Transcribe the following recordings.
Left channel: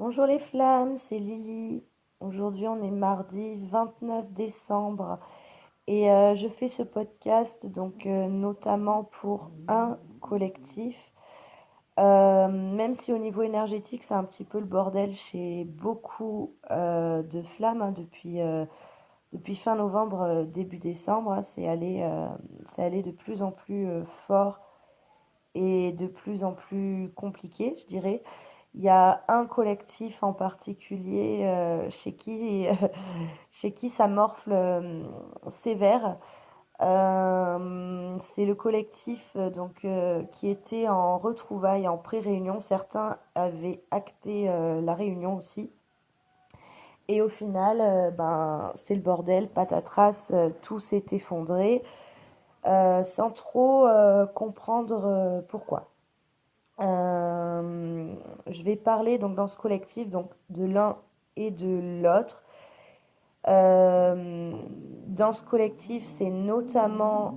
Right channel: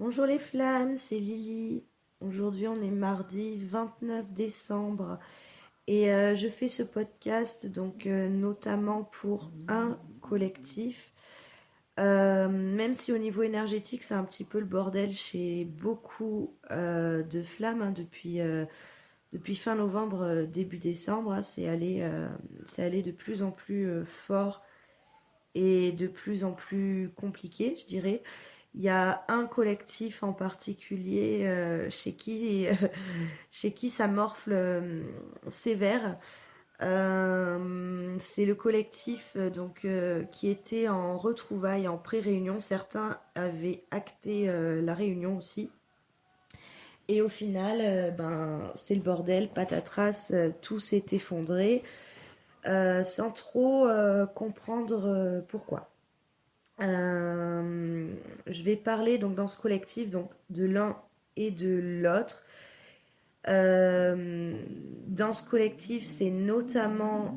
Bonjour les flammes, c'est Lily. Aujourd'hui, on est mardi 29 décembre et je fais ce podcast notamment pour un collectif. Même si au niveau énergétique, c'est un petit peu le bordel chez beaucoup de flammes hein, depuis fin novembre, début décembre, hein, c'est allé de plus en plus fort et de plus en plus compliqué, je dirais. Il y a un collectif en particulier chez qui ça morfle sévère. C'est le collectif qui était en retrouvailles, en pré-réunion. Certains avaient acté la réunion aussi. Et au final, c'est le bordel, patatras, tout s'est effondré sans trop comprendre pourquoi. Je vais parler donc dans ce collectif donc de l'un et de l'autre. Euh, Dans ce collectif, c'est notamment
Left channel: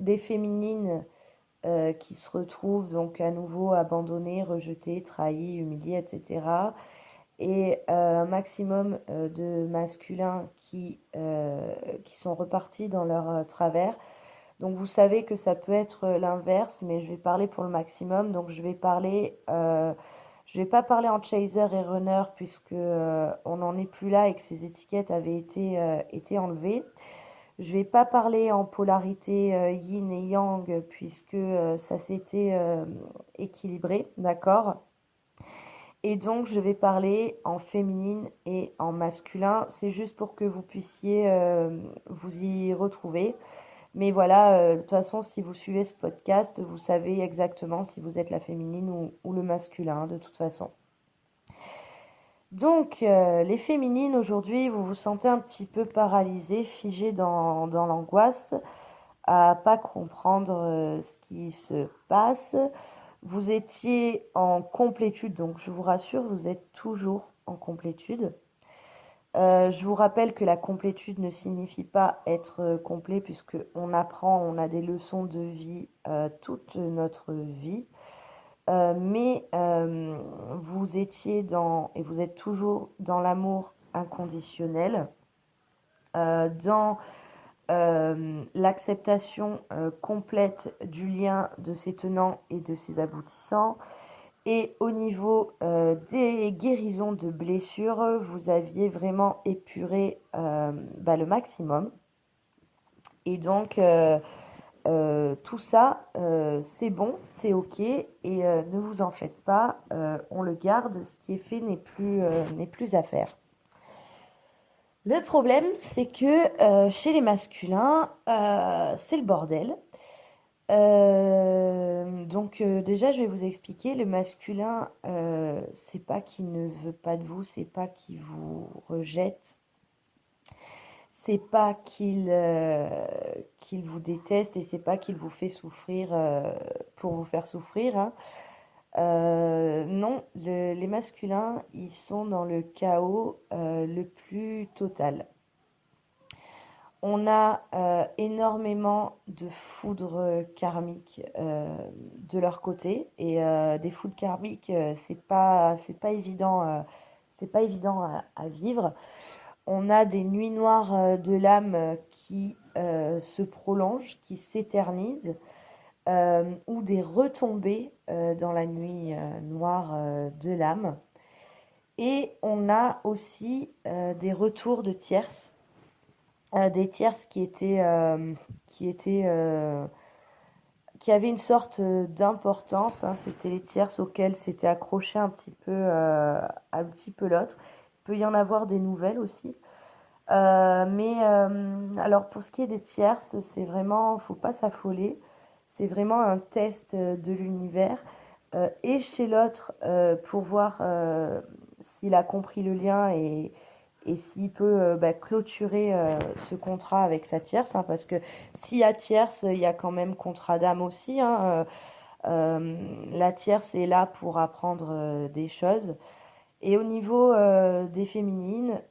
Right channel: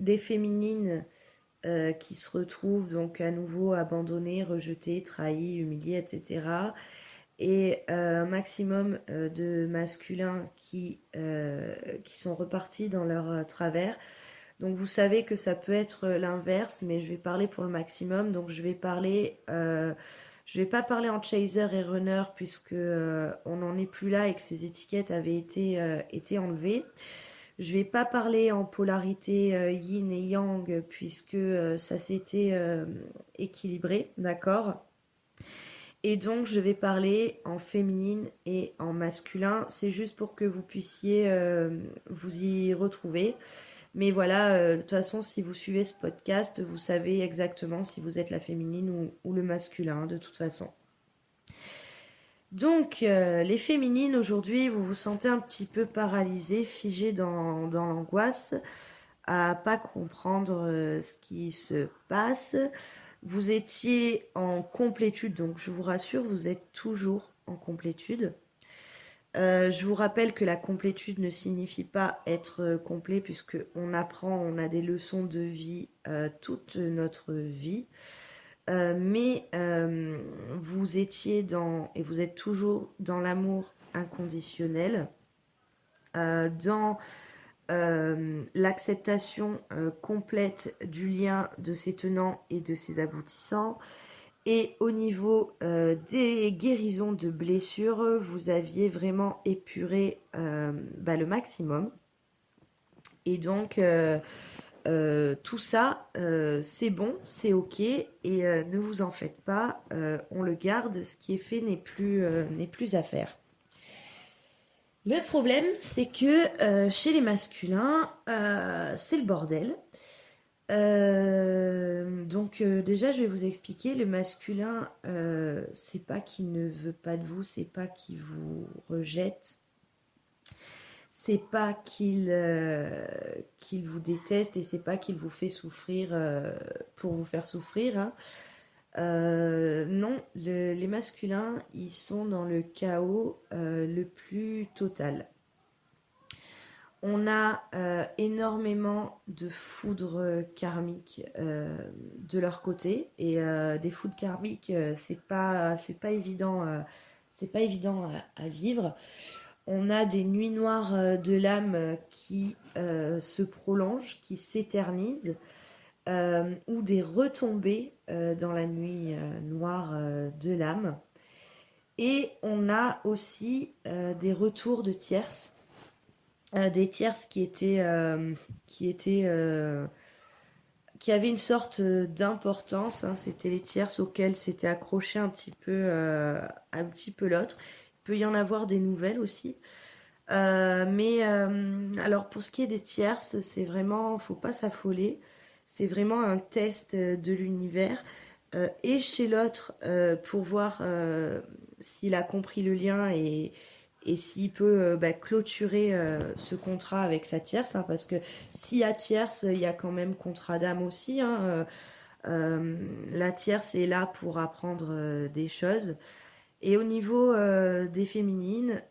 des féminines qui se retrouvent donc à nouveau abandonnées, rejetées, trahies, humiliées, etc. Et un maximum de masculins qui sont repartis dans leur travers. Donc vous savez que ça peut être l'inverse, mais je vais parler pour le maximum. Donc je vais pas parler en chaser et runner puisque on n'en est plus là et que ces étiquettes avaient été enlevées. Je vais pas parler en polarité yin et yang puisque ça s'était équilibré, d'accord. Et donc je vais parler en féminine et en masculin. C'est juste pour que vous puissiez vous y retrouver. Mais voilà, de toute façon, si vous suivez ce podcast, vous savez exactement si vous êtes la féminine ou le masculin, de toute façon. Donc, les féminines, aujourd'hui, vous vous sentez un petit peu paralysées, figées dans l'angoisse, à pas comprendre ce qui se passe. Vous étiez en complétude, donc je vous rassure, vous êtes toujours en complétude. Je vous rappelle que la complétude ne signifie pas être complet puisque on apprend, on a des leçons de vie toute notre vie. Mais vous étiez et vous êtes toujours dans l'amour inconditionnel, dans l'acceptation complète du lien de ses tenants et de ses aboutissants. Et au niveau des guérisons de blessures, vous aviez vraiment épuré le maximum. Et donc, tout ça, c'est bon, c'est OK. Et ne vous en faites pas, on le garde. Ce qui est fait n'est plus à faire. Le problème, c'est que chez les masculins, c'est le bordel. Déjà, je vais vous expliquer. Le masculin, c'est pas qu'il ne veut pas de vous, c'est pas qu'il vous rejette, c'est pas qu'il vous déteste et c'est pas qu'il vous fait souffrir pour vous faire souffrir. Hein. Non, les masculins, ils sont dans le chaos le plus total. On a énormément de foudre karmique de leur côté et des foudres karmiques, c'est pas évident à vivre. On a des nuits noires de l'âme qui se prolongent, qui s'éternisent, ou des retombées dans la nuit noire de l'âme. Et on a aussi des retours de tierces, des tierces qui avaient une sorte d'importance. Hein. C'était les tierces auxquelles s'était accroché un petit peu l'autre. Il peut y en avoir des nouvelles aussi. Alors pour ce qui est des tierces, c'est vraiment, faut pas s'affoler. C'est vraiment un test de l'univers. Et chez l'autre, pour voir s'il a compris le lien et s'il peut clôturer ce contrat avec sa tierce. Hein, parce que s'il y a tierce, il y a quand même contrat d'âme aussi. Hein, la tierce est là pour apprendre des choses. Et au niveau des féminines,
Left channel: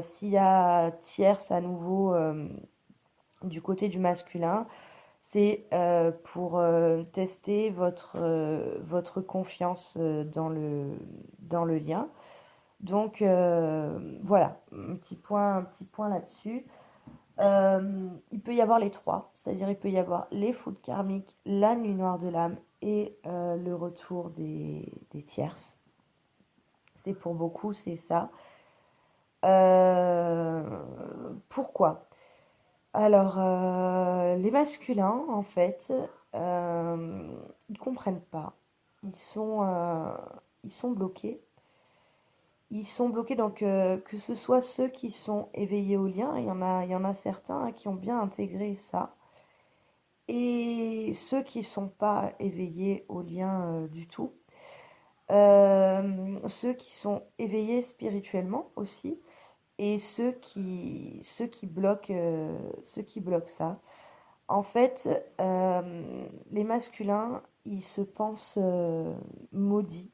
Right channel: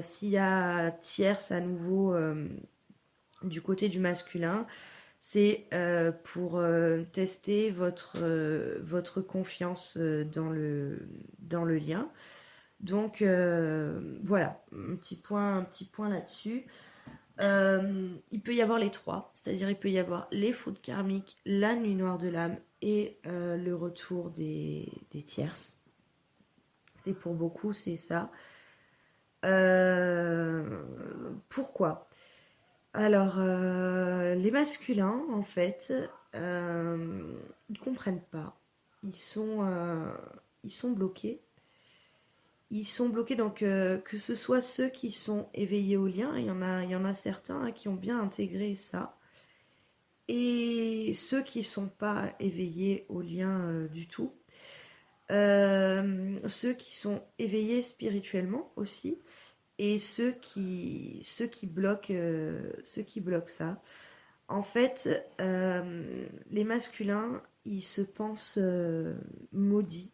s'il y a tierce à nouveau du côté du masculin, C'est pour tester votre confiance dans le lien. Donc voilà, un petit point là-dessus. Il peut y avoir les trois, c'est-à-dire il peut y avoir les foudres karmiques, la nuit noire de l'âme et le retour des tierces. C'est pour beaucoup, c'est ça. Pourquoi? Alors, les masculins, en fait, ils comprennent pas. Ils sont, euh, ils sont bloqués. Ils sont bloqués, donc que ce soit ceux qui sont éveillés au lien, il y en a certains hein, qui ont bien intégré ça, et ceux qui ne sont pas éveillés au lien du tout. Ceux qui sont éveillés spirituellement aussi, et ceux qui bloquent ça. En fait, les masculins, ils se pensent maudits.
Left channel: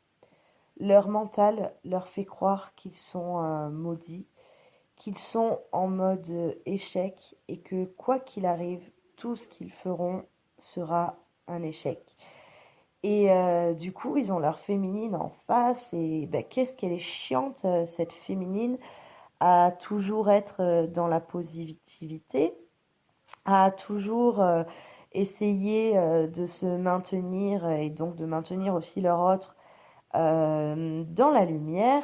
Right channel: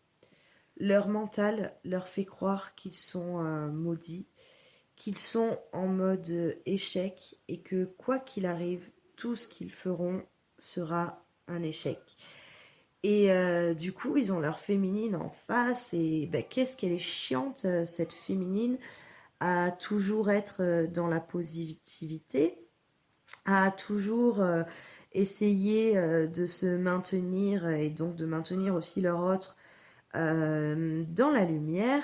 Leur mental leur fait croire qu'ils sont maudits, qu'ils sont en mode échec et que quoi qu'il arrive, tout ce qu'ils feront sera un échec. Et du coup, ils ont leur féminine en face et bah, qu'est-ce qu'elle est chiante, cette féminine, à toujours être dans la positivité, à toujours essayer de se maintenir et donc de maintenir aussi leur autre dans la lumière.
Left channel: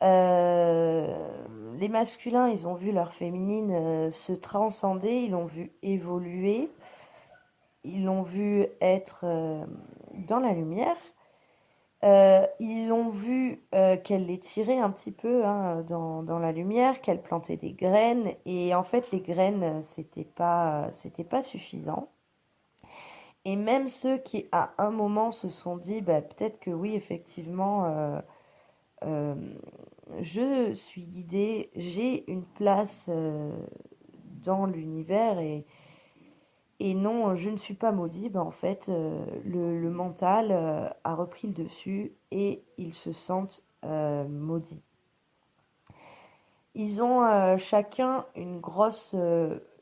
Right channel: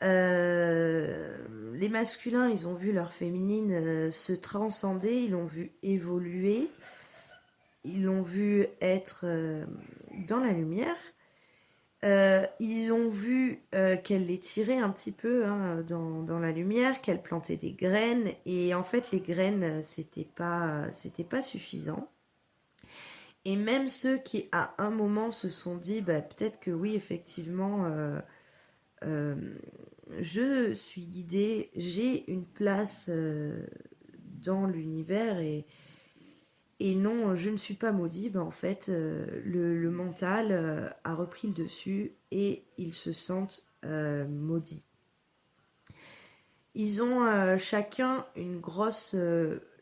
Les masculins, ils ont vu leur féminine se transcender, ils l'ont vu évoluer, ils l'ont vu être dans la lumière. Ils ont vu qu'elle les tirait un petit peu hein, dans la lumière, qu'elle plantait des graines. Et en fait, les graines, c'était pas suffisant. Et même ceux qui, à un moment, se sont dit, bah, peut-être que oui, effectivement, euh, je suis guidée, j'ai une place dans l'univers et non, je ne suis pas maudit. Ben, en fait, le mental a repris le dessus et ils se sentent maudits. Ils ont chacun une grosse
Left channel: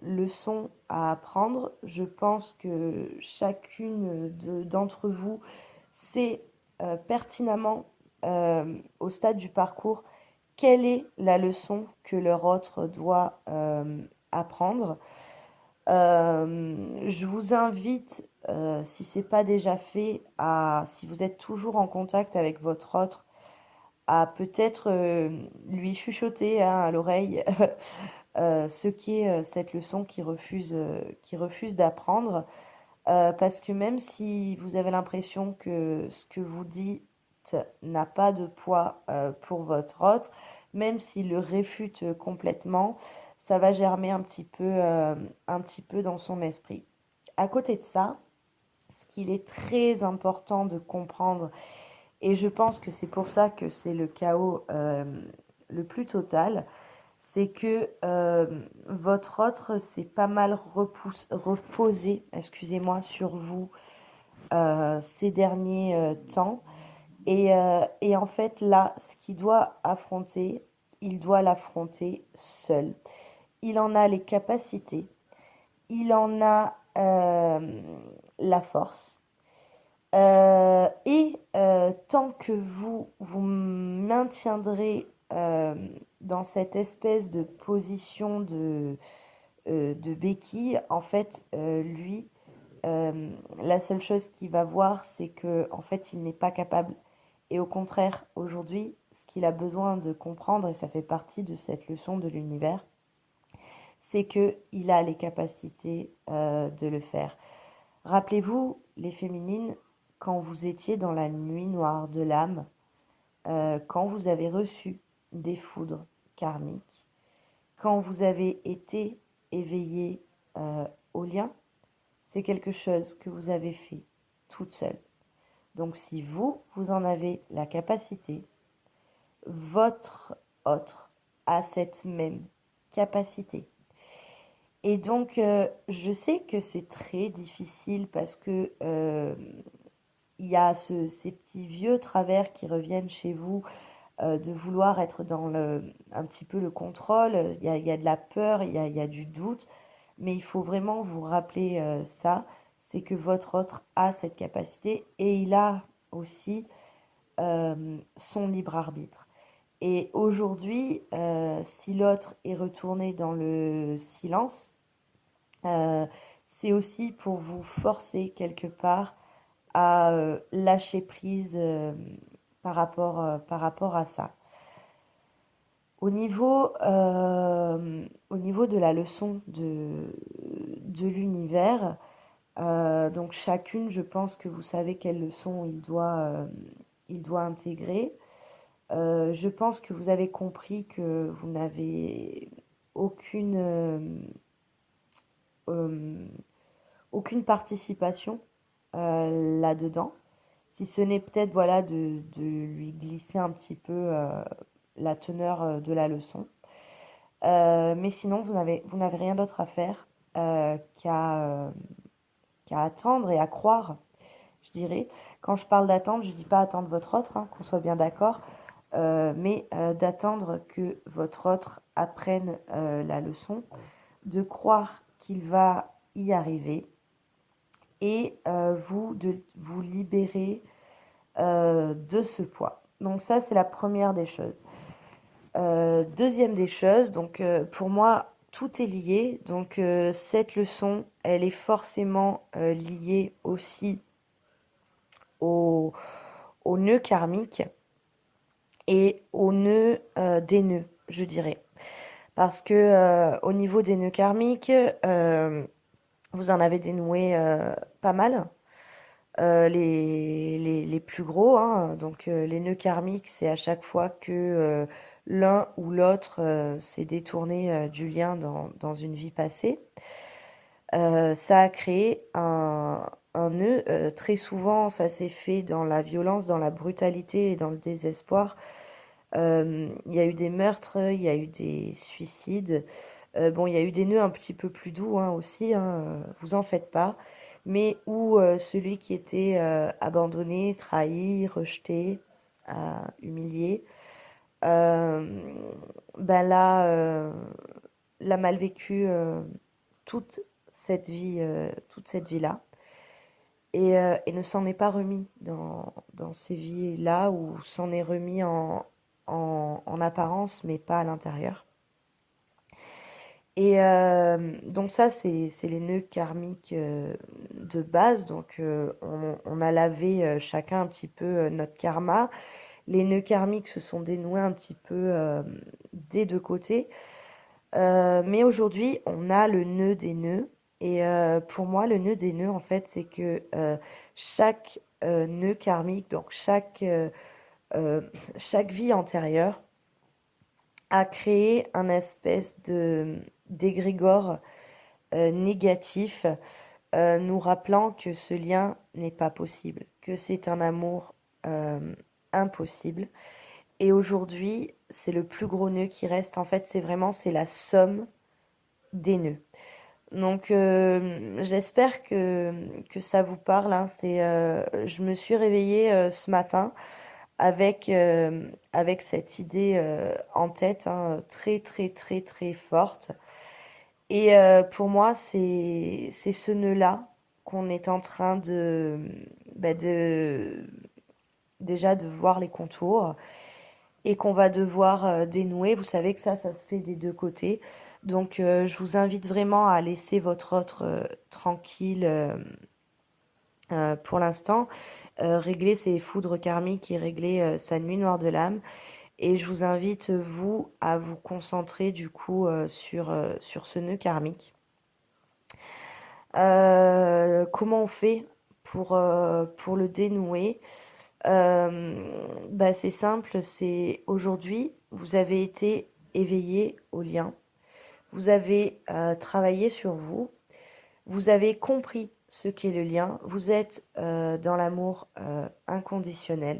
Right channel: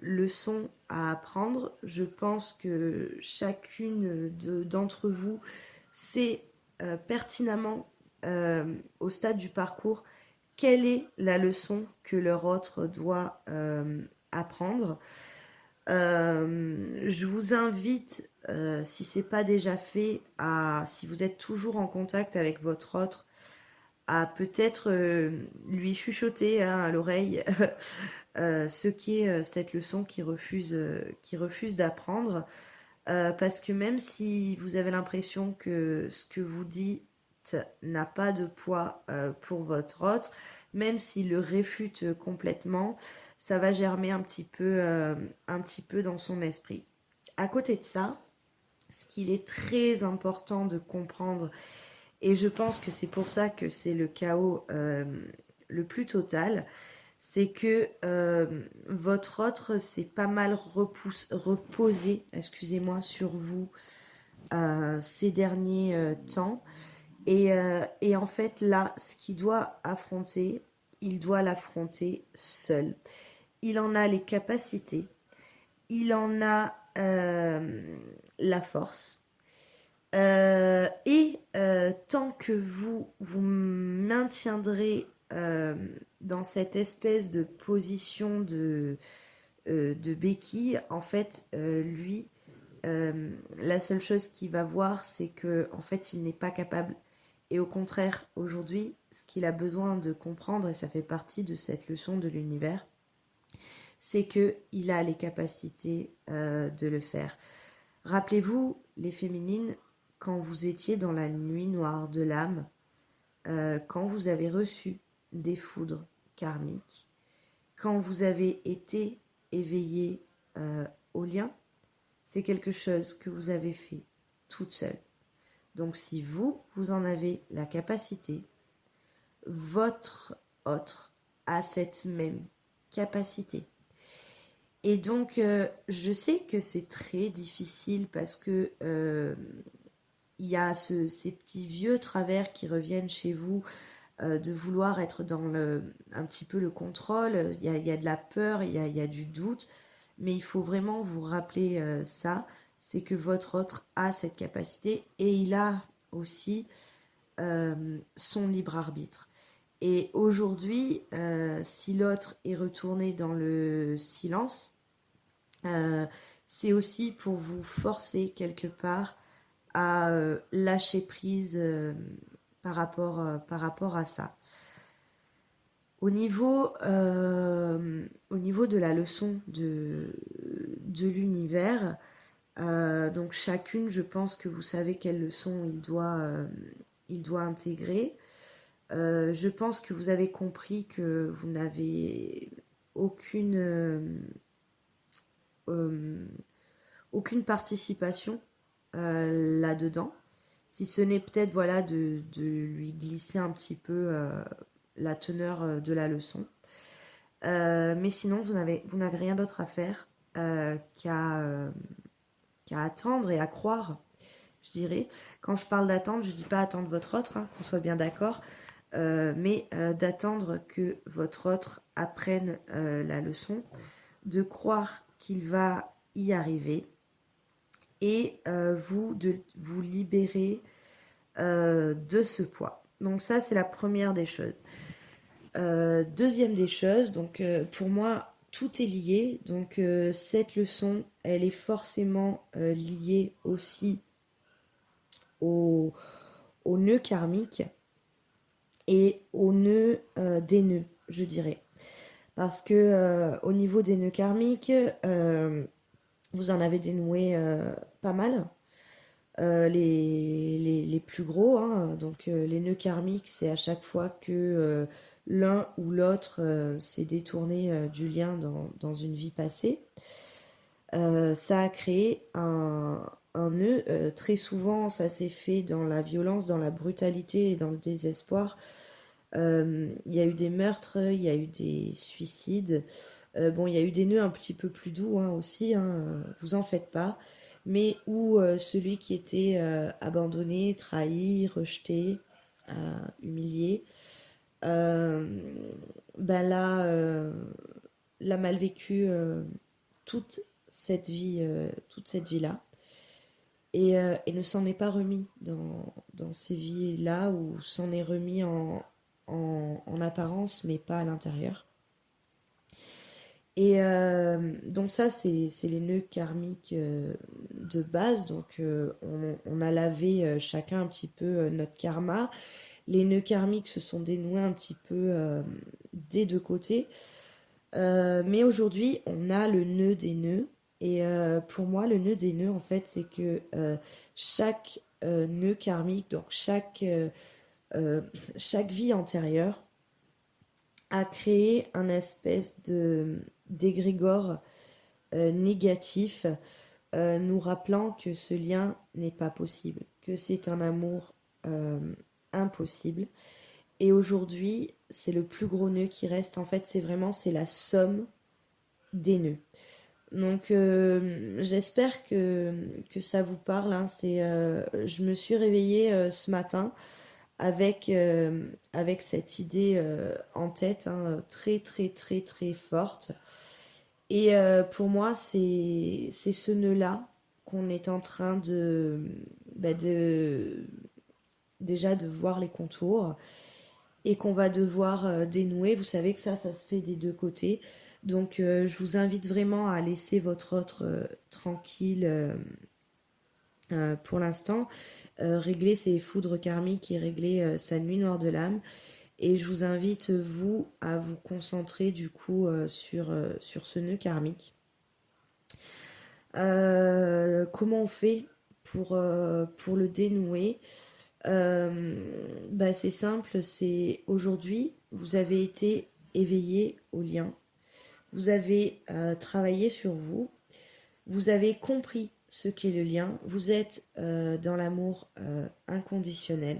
leçon à apprendre. Je pense que chacune d'entre vous sait pertinemment au stade du parcours quelle est la leçon que leur autre doit apprendre. Je vous invite, si ce n'est pas déjà fait, si vous êtes toujours en contact avec votre autre, à peut-être lui chuchoter hein, à l'oreille ce qu'est cette leçon qu'il refuse d'apprendre. Parce que même si vous avez l'impression que ce que vous dites n'a pas de poids pour votre autre, même s'il le réfute complètement, ça va germer un petit peu dans son esprit. À côté de ça, ce qu'il est très important de comprendre, et je pense que c'est pour ça que c'est le chaos le plus total, c'est que votre autre s'est pas mal reposé, excusez-moi, sur vous ces derniers temps. Et en fait, là, ce qu'il doit affronter, il doit l'affronter seul. Il en a les capacités, il en a la force. Tant que vous maintiendrez dans cette espèce de position de béquille, en fait, lui, la seule chose qu'il va voir, c'est que en fait, il n'est pas capable. Et au contraire, aujourd'hui, ce qu'il a besoin de comprendre, et ça fait partie de cette leçon de l'univers, c'est qu'il a les capacités de le faire. Rappelez-vous, les féminines, quand vous étiez dans la nuit noire de l'âme, quand vous avez reçu des foudres karmiques, quand vous avez été éveillé au lien, c'est quelque chose que vous avez fait toute seule. Donc si vous en avez la capacité, votre autre a cette même capacité. Et donc, je sais que c'est très difficile parce que il y a ces petits vieux travers qui reviennent chez vous de vouloir être dans un petit peu le contrôle. Il y a de la peur, il y a du doute. mais il faut vraiment vous rappeler ça, c'est que votre autre a cette capacité et il a aussi son libre arbitre. Et aujourd'hui, si l'autre est retourné dans le silence, euh, c'est aussi pour vous forcer quelque part à lâcher prise par rapport à ça. Au niveau de la leçon de l'univers, donc chacune, je pense que vous savez quelle leçon il doit intégrer. Je pense que vous avez compris que vous n'avez aucune, euh, aucune participation là-dedans, si ce n'est peut-être voilà, de lui glisser un petit peu la teneur de la leçon. Mais sinon, vous n'avez rien d'autre à faire qu'à attendre et à croire, je dirais. Quand je parle d'attendre, je ne dis pas attendre votre autre, hein, qu'on soit bien d'accord, mais d'attendre que votre autre apprenne la leçon, de croire qu'il va y arriver et vous de vous libérer de ce poids. Donc ça, c'est la première des choses. Deuxième des choses, donc pour moi, tout est lié. Donc cette leçon, elle est forcément liée aussi au, au nœud karmique et au nœud des nœuds, je dirais. Parce que au niveau des nœuds karmiques, vous en avez dénoué pas mal. Les plus gros, hein. Donc les nœuds karmiques, c'est à chaque fois que l'un ou l'autre s'est détourné du lien dans une vie passée. Ça a créé un nœud. Très souvent, ça s'est fait dans la violence, dans la brutalité et dans le désespoir. Il y a eu des meurtres, il y a eu des suicides. Bon, il y a eu des nœuds un petit peu plus doux hein, aussi, hein, vous en faites pas. Mais où celui qui était abandonné, trahi, rejeté, humilié, euh, ben là, l'a mal vécu toute toute cette vie-là. Et ne s'en est pas remis dans ces vies-là, ou s'en est remis en apparence, mais pas à l'intérieur. Et donc ça, c'est les nœuds karmiques de base. Donc on a lavé chacun un petit peu notre karma. Les nœuds karmiques se sont dénoués un petit peu des deux côtés. Mais aujourd'hui, on a le nœud des nœuds. Et pour moi, le nœud des nœuds, en fait, c'est que chaque nœud karmique, donc chaque vie antérieure, a créé un espèce de d'égrégore négatif, nous rappelant que ce lien n'est pas possible, que c'est un amour impossible. Et aujourd'hui, c'est le plus gros nœud qui reste. En fait, c'est la somme des nœuds. Donc, j'espère que ça vous parle. Hein. Je me suis réveillée ce matin avec cette idée en tête, hein, très, très, très, très forte. Et pour moi, c'est ce nœud-là qu'on est en train de déjà de voir les contours et qu'on va devoir dénouer. Vous savez que ça se fait des deux côtés. Donc, je vous invite vraiment à laisser votre autre tranquille pour l'instant, régler ses foudres karmiques et régler sa nuit noire de l'âme. Et je vous invite, vous, à vous concentrer du coup sur ce nœud karmique. Comment on fait pour le dénouer? C'est simple, c'est aujourd'hui, vous avez été éveillé au lien, vous avez travaillé sur vous, vous avez compris ce qu'est le lien, vous êtes dans l'amour inconditionnel.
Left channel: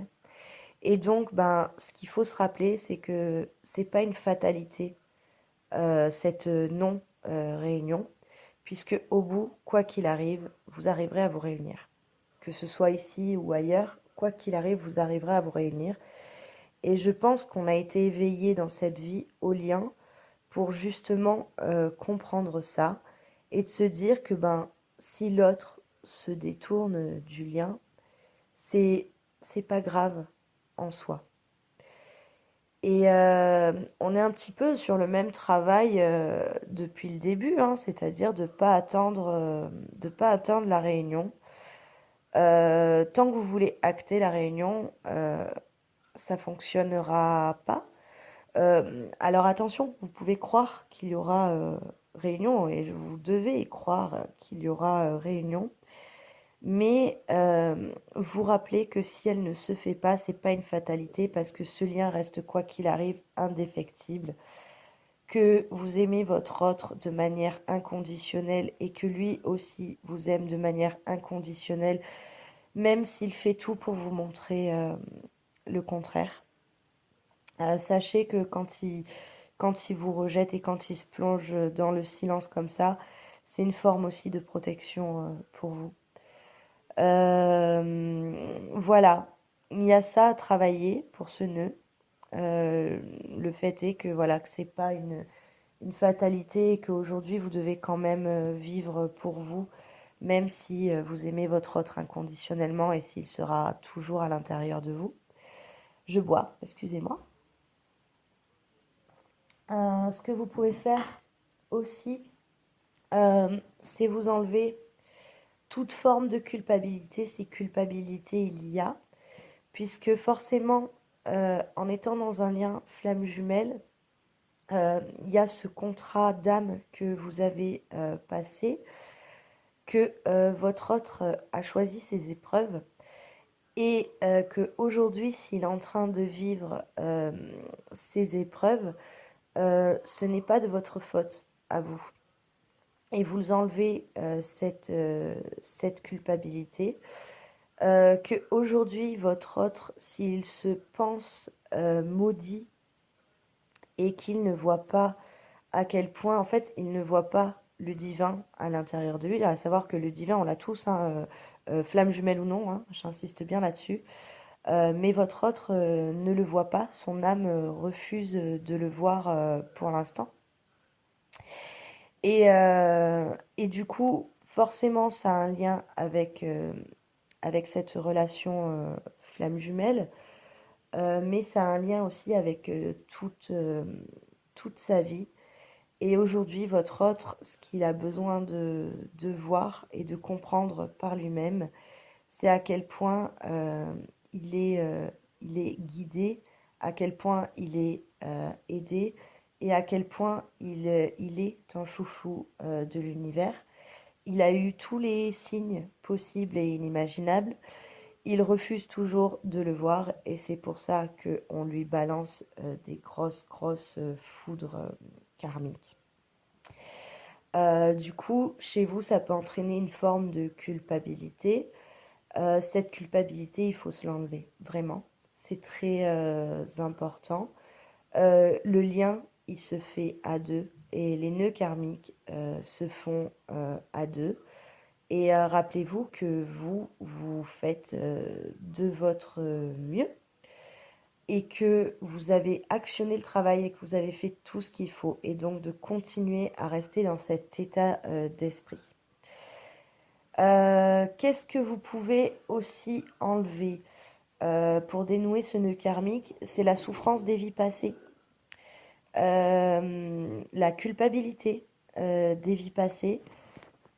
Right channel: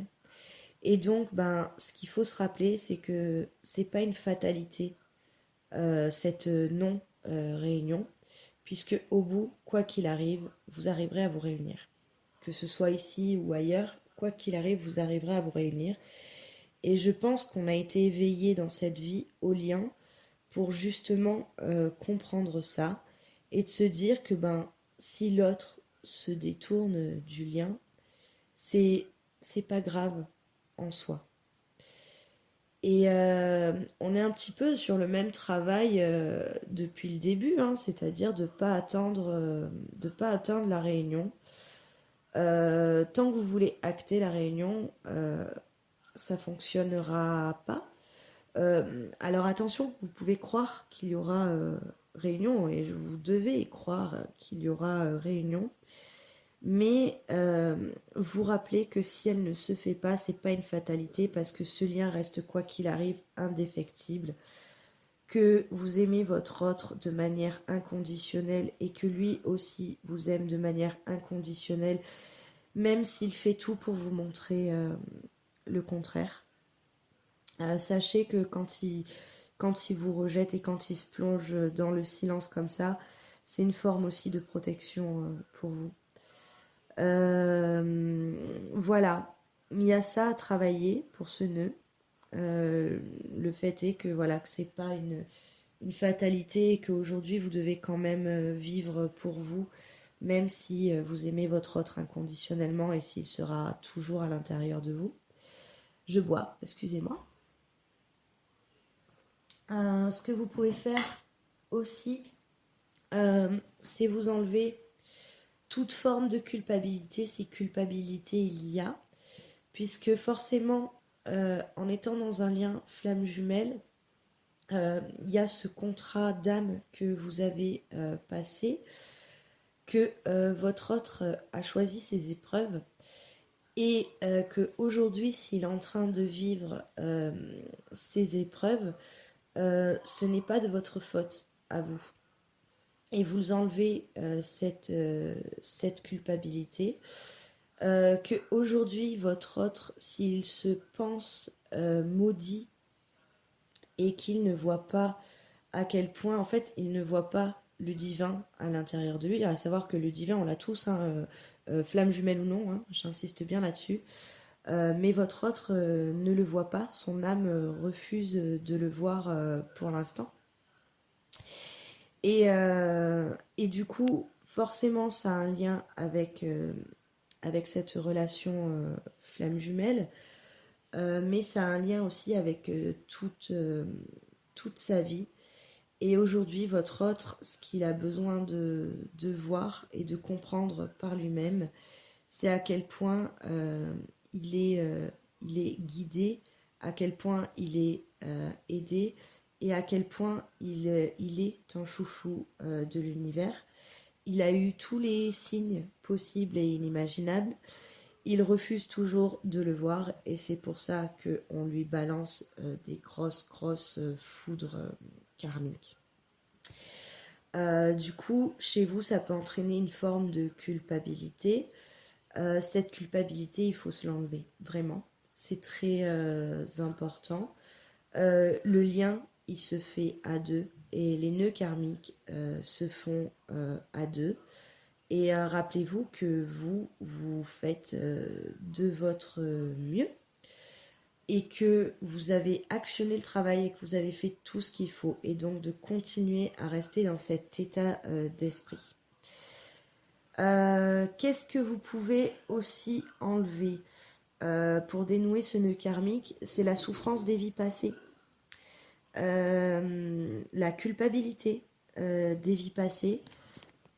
Et donc, ce qu'il faut se rappeler, c'est que c'est pas une fatalité, cette non-réunion, puisque au bout, quoi qu'il arrive, vous arriverez à vous réunir. Que ce soit ici ou ailleurs, quoi qu'il arrive, vous arriverez à vous réunir. Et je pense qu'on a été éveillé dans cette vie au lien pour justement comprendre ça et de se dire que si l'autre se détourne du lien, c'est pas grave en soi. Et on est un petit peu sur le même travail depuis le début, hein, c'est-à-dire de ne pas attendre la réunion. Tant que vous voulez acter la réunion, ça fonctionnera pas. Alors attention, vous pouvez croire qu'il y aura réunion et vous devez croire qu'il y aura réunion. Mais vous rappelez que si elle ne se fait pas, c'est pas une fatalité parce que ce lien reste quoi qu'il arrive indéfectible, que vous aimez votre autre de manière inconditionnelle et que lui aussi vous aime de manière inconditionnelle, même s'il fait tout pour vous montrer le contraire. Sachez que quand il vous rejette et quand il se plonge dans le silence comme ça, c'est une forme aussi de protection pour vous. Voilà, il y a ça à travailler pour ce nœud. Le fait est que voilà que c'est pas une fatalité et qu'aujourd'hui vous devez quand même vivre pour vous, même si vous aimez votre autre inconditionnellement et s'il sera toujours à l'intérieur de vous. Je bois, excusez-moi. Ce que vous pouvez faire aussi, c'est vous enlever toute forme de culpabilité, si culpabilité il y a, puisque forcément, en étant dans un lien flamme jumelle, il y a ce contrat d'âme que vous avez passé, que votre autre a choisi ses épreuves, et qu'aujourd'hui, s'il est en train de vivre ces épreuves, ce n'est pas de votre faute à vous. Et vous enlevez cette culpabilité. Que aujourd'hui votre autre, s'il se pense maudit et qu'il ne voit pas à quel point, en fait, il ne voit pas le divin à l'intérieur de lui. Il va savoir que le divin, on l'a tous, hein, flamme jumelle ou non, hein, j'insiste bien là-dessus. Mais votre autre ne le voit pas, son âme refuse de le voir pour l'instant. Et du coup, forcément, ça a un lien avec cette relation flamme jumelle, mais ça a un lien aussi avec toute sa vie. Et aujourd'hui, votre autre, ce qu'il a besoin de voir et de comprendre par lui-même, c'est à quel point il est guidé, à quel point il est aidé et à quel point il est un chouchou de l'univers. Il a eu tous les signes possibles et inimaginables. Il refuse toujours de le voir et c'est pour ça qu'on lui balance des grosses foudres karmiques. Du coup, chez vous, ça peut entraîner une forme de culpabilité. Cette culpabilité, il faut se l'enlever, vraiment. C'est très important. Le lien, il se fait à deux et les nœuds karmiques se font à deux. Et rappelez-vous que vous faites de votre mieux et que vous avez actionné le travail et que vous avez fait tout ce qu'il faut. Et donc de continuer à rester dans cet état d'esprit. Qu'est-ce que vous pouvez aussi enlever pour dénouer ce nœud karmique? C'est la souffrance des vies passées. La culpabilité des vies passées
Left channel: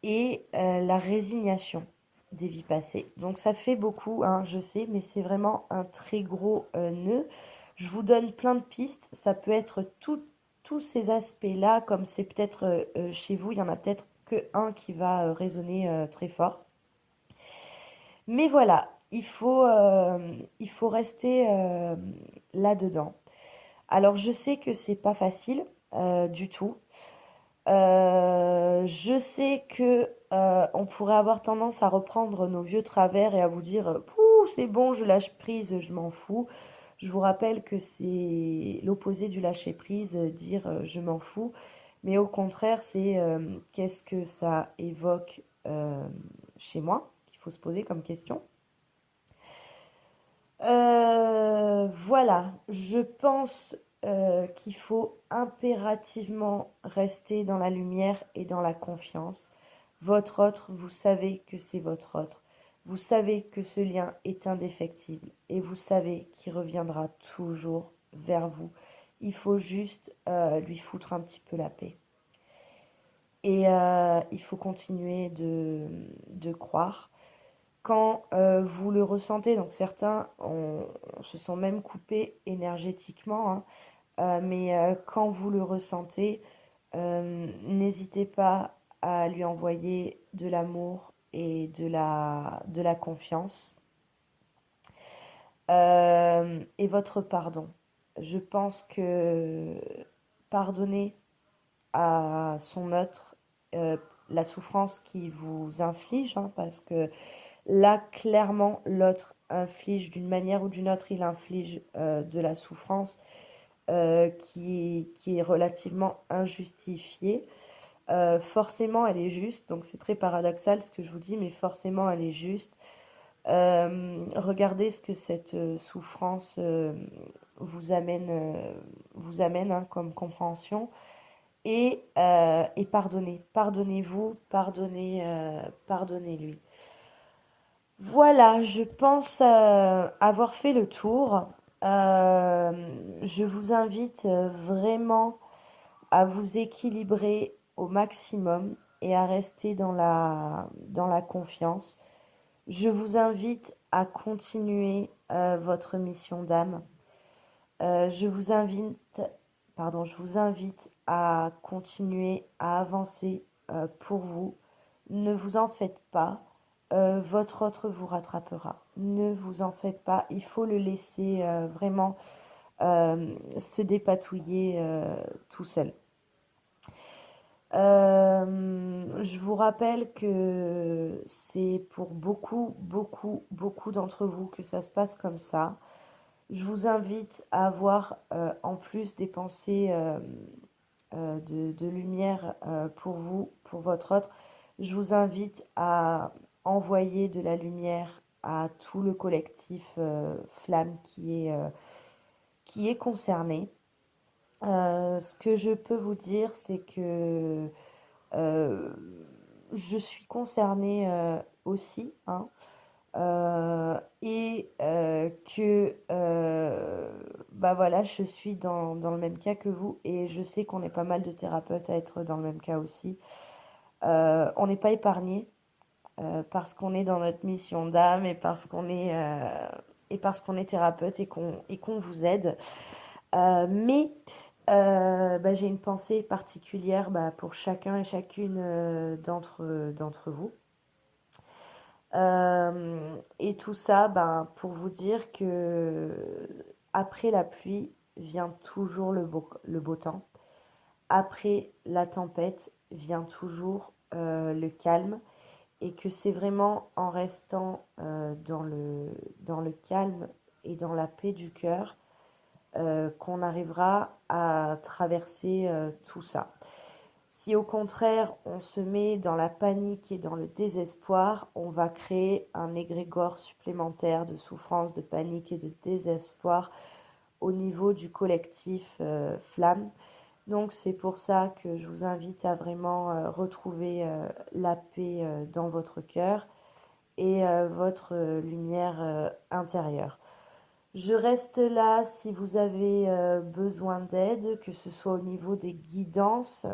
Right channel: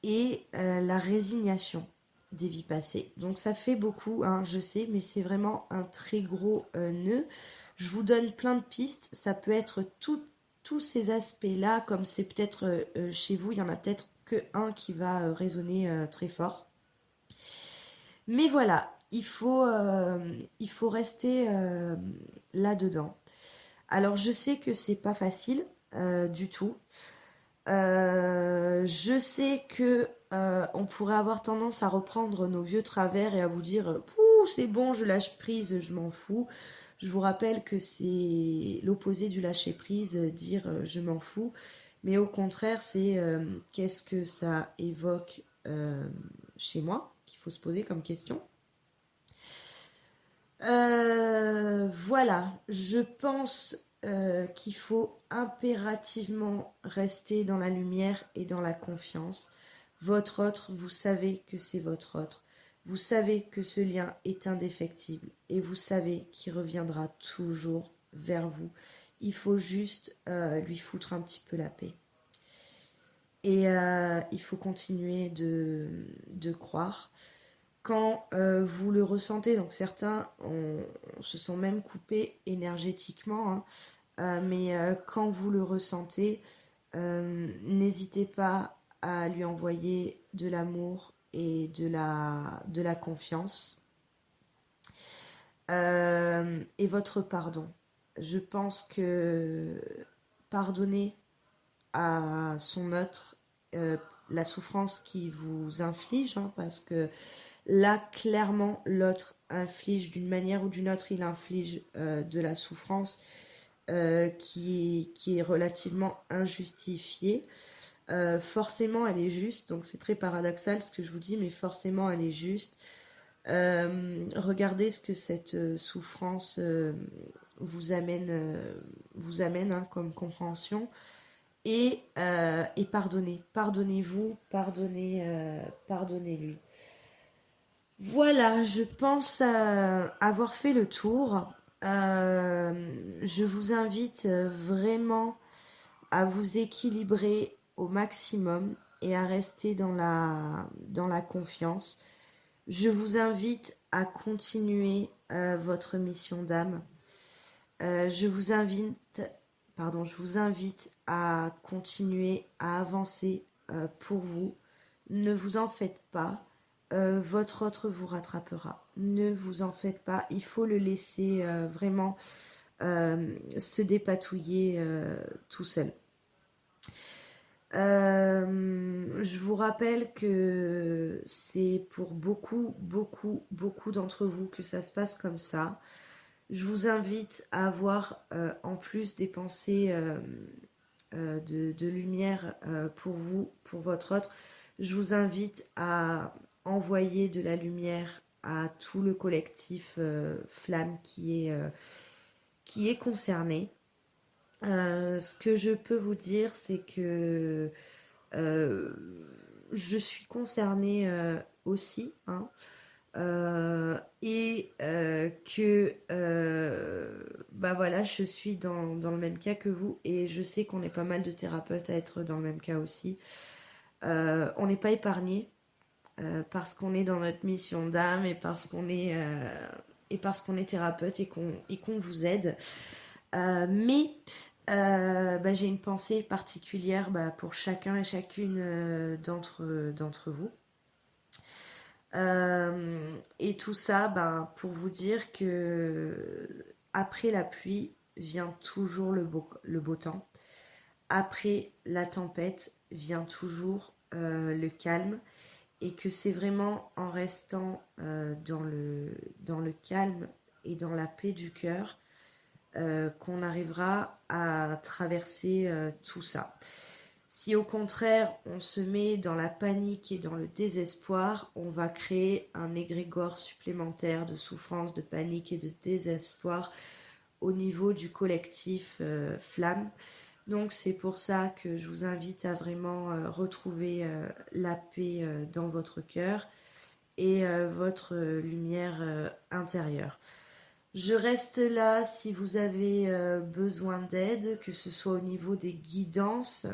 et la résignation des vies passées. Donc ça fait beaucoup, hein, je sais, mais c'est vraiment un très gros nœud. Je vous donne plein de pistes. Ça peut être tous ces aspects-là, comme c'est peut-être chez vous, il y en a peut-être que un qui va résonner très fort. Mais voilà, il faut rester là-dedans. Alors je sais que c'est pas facile du tout. Je sais que on pourrait avoir tendance à reprendre nos vieux travers et à vous dire pouh, c'est bon, je lâche prise, je m'en fous. Je vous rappelle que c'est l'opposé du lâcher prise, dire je m'en fous. Mais au contraire, c'est qu'est-ce que ça évoque chez moi qu'il faut se poser comme question. Voilà, je pense qu'il faut impérativement rester dans la lumière et dans la confiance. Votre autre, vous savez que c'est votre autre. Vous savez que ce lien est indéfectible et vous savez qu'il reviendra toujours vers vous. Il faut juste lui foutre un petit peu la paix. Et il faut continuer de croire. Quand vous le ressentez, donc certains se sont même coupés énergétiquement, hein, mais quand vous le ressentez, n'hésitez pas à lui envoyer de l'amour et de la confiance. Et votre pardon. Je pense que pardonner à son autre la souffrance qu'il vous inflige, hein, parce que là, clairement, l'autre inflige d'une manière ou d'une autre, il inflige de la souffrance qui est relativement injustifiée. Forcément, elle est juste, donc c'est très paradoxal ce que je vous dis, mais forcément, elle est juste. Regardez ce que cette souffrance vous amène, hein, comme compréhension. Et pardonnez. Pardonnez-vous, pardonnez-lui. Voilà, je pense avoir fait le tour. Je vous invite vraiment à vous équilibrer au maximum et à rester dans la confiance. Je vous invite à continuer votre mission d'âme. Je vous invite à continuer à avancer pour vous. Ne vous en faites pas. Votre autre vous rattrapera. Ne vous en faites pas. Il faut le laisser vraiment se dépatouiller tout seul. Je vous rappelle que c'est pour beaucoup d'entre vous que ça se passe comme ça. Je vous invite à avoir en plus des pensées de lumière pour vous, pour votre autre. Je vous invite à envoyer de la lumière à tout le collectif Flamme qui est concerné. Ce que je peux vous dire, c'est que je suis concernée aussi, hein, et que bah voilà, je suis dans le même cas que vous et je sais qu'on est pas mal de thérapeutes à être dans le même cas aussi. On n'est pas épargnés parce qu'on est dans notre mission d'âme et parce qu'on est thérapeute et qu'on vous aide. Mais bah, j'ai une pensée particulière pour chacun et chacune d'entre vous. Et tout ça, pour vous dire que après la pluie vient toujours le beau temps. Après la tempête vient toujours le calme. Et que c'est vraiment en restant dans le calme et dans la paix du cœur qu'on arrivera à traverser tout ça. Si au contraire on se met dans la panique et dans le désespoir, on va créer un égrégore supplémentaire de souffrance, de panique et de désespoir au niveau du collectif Flamme. Donc c'est pour ça que je vous invite à vraiment retrouver la paix dans votre cœur et votre lumière intérieure. Je reste là si vous avez besoin d'aide, que ce soit au niveau des guidances.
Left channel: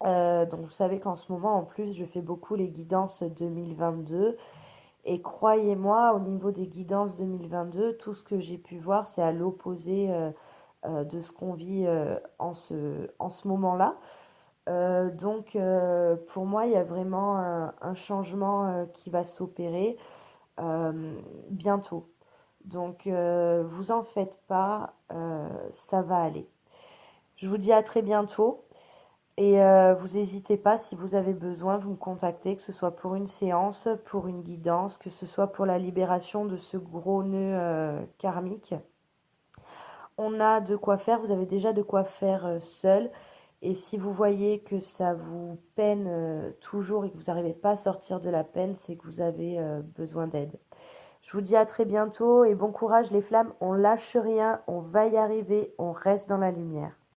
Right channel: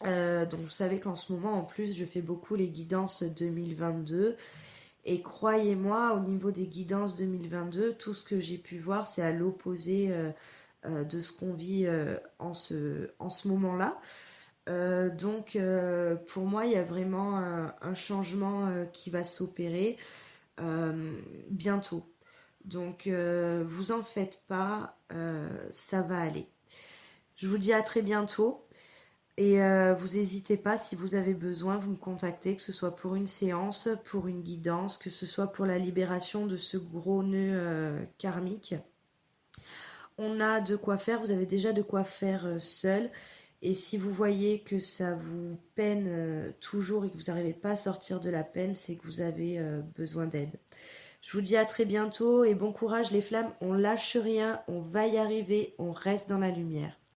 Donc vous savez qu'en ce moment, en plus, je fais beaucoup les guidances 2022. Et croyez-moi, au niveau des guidances 2022, tout ce que j'ai pu voir, c'est à l'opposé de ce qu'on vit en ce moment-là. Donc pour moi, il y a vraiment un changement qui va s'opérer bientôt. Donc vous en faites pas, ça va aller. Je vous dis à très bientôt et vous n'hésitez pas si vous avez besoin, vous me contactez, que ce soit pour une séance, pour une guidance, que ce soit pour la libération de ce gros nœud karmique. On a de quoi faire, vous avez déjà de quoi faire seul. Et si vous voyez que ça vous peine toujours et que vous n'arrivez pas à sortir de la peine, c'est que vous avez besoin d'aide. Je vous dis à très bientôt et bon courage les flammes, on lâche rien, on va y arriver, on reste dans la lumière.